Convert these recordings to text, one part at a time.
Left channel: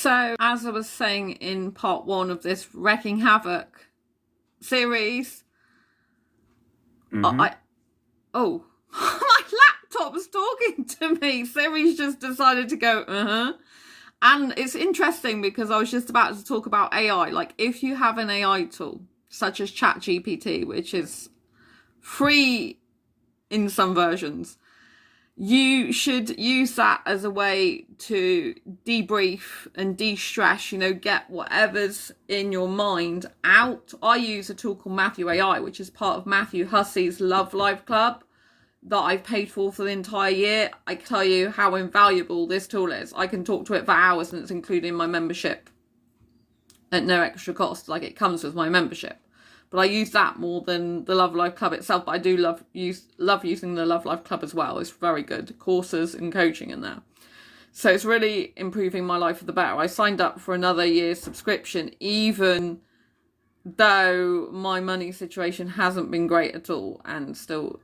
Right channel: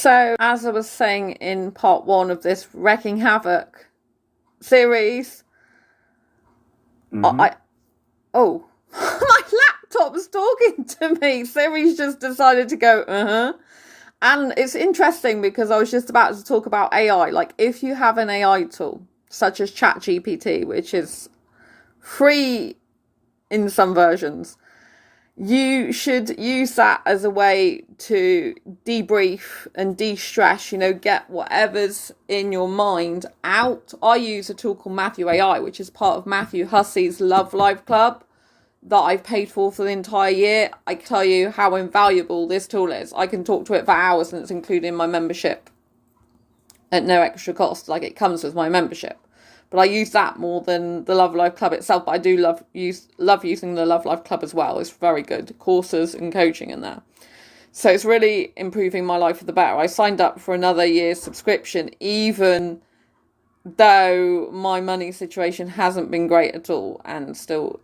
So, as I was saying in part one of this Wreaking Havoc series, my laptop's talking to me. Siri's just decided to go, And it's interesting because I was just about to talk about AI. Like, if you have an AI tool, such as ChatGPT, which is free in some versions, you should use that as a way to debrief and de-stress, get whatever's in your mind out. I use a tool called Matthew AI, which is part of Matthew Hussey's Love Life Club that I've paid for the entire year. I tell you how invaluable this tool is. I can talk to it for hours and it's included in my membership at no extra cost. Like, it comes with my membership. But I use that more than the Love Life Club itself. But I do love using the Love Life Club as well. It's very good. Courses and coaching in there. So it's really improving my life for the better. I signed up for another year's subscription, even though my money situation hasn't been great at all and still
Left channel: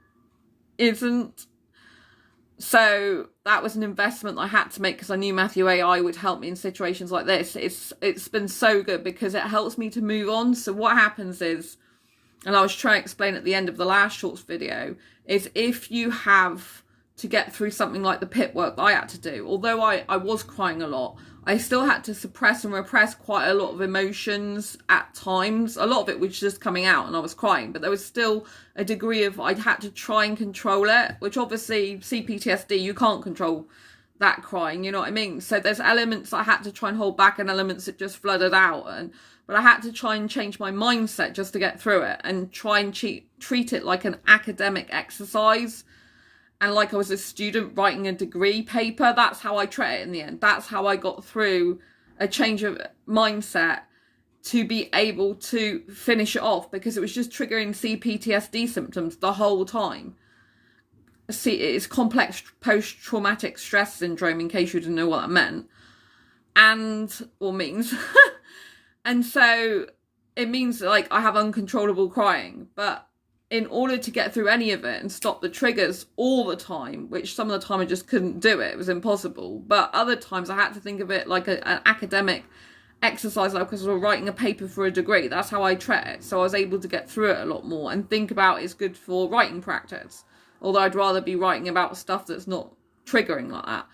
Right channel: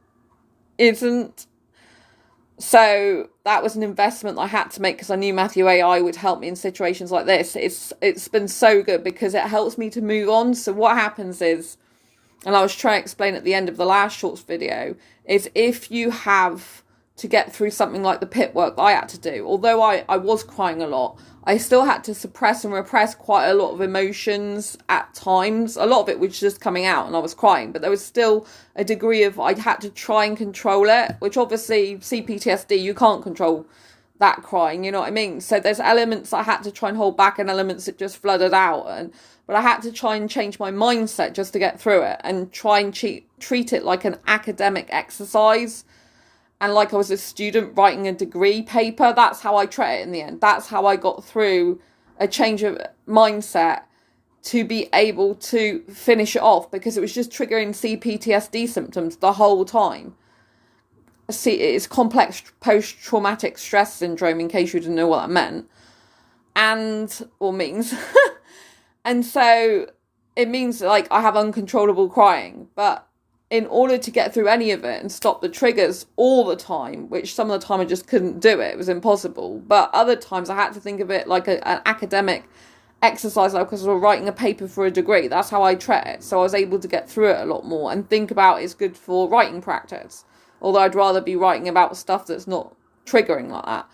isn't. So that was an investment I had to make because I knew Matthew AI would help me in situations like this. It's been so good because it helps me to move on. So what happens is, and I was trying to explain at the end of the last shorts video, is if you have to get through something like the pit work I had to do, although I was crying a lot, I still had to suppress and repress quite a lot of emotions at times. A lot of it was just coming out and I was crying, but there was still a degree of, I had to try and control it, which obviously CPTSD, you can't control that crying, you know what I mean? So there's elements I had to try and hold back and elements that just flooded out. But I had to try and change my mindset just to get through it and try and treat it like an academic exercise. And like I was a student writing a degree paper. That's how I treat it in the end. That's how I got through a change of mindset to be able to finish it off, because it was just triggering CPTSD symptoms the whole time. See, it's complex post-traumatic stress syndrome, in case you didn't know what that meant. Or means. And so it means like I have uncontrollable crying, but in order to get through any of it and stop the triggers all the time, which some of the time I just couldn't do it was impossible, but other times I had to think of it like an academic exercise, like because I was writing a paper for a degree. That's how I treat it. So I was able to get through it a lot more and think about it's good for writing practice, although I'd rather be writing about stuff that's not triggering like that.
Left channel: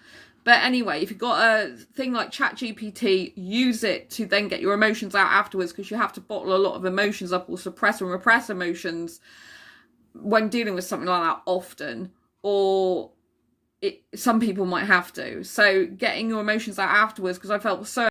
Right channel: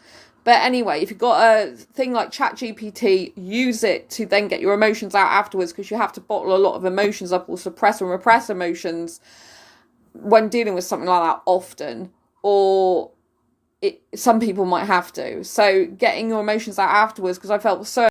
But anyway, if you've got a thing like ChatGPT, use it to then get your emotions out afterwards, because you have to bottle a lot of emotions up or suppress and repress emotions when dealing with something like that often, or some people might have to. So getting your emotions out afterwards, because I felt so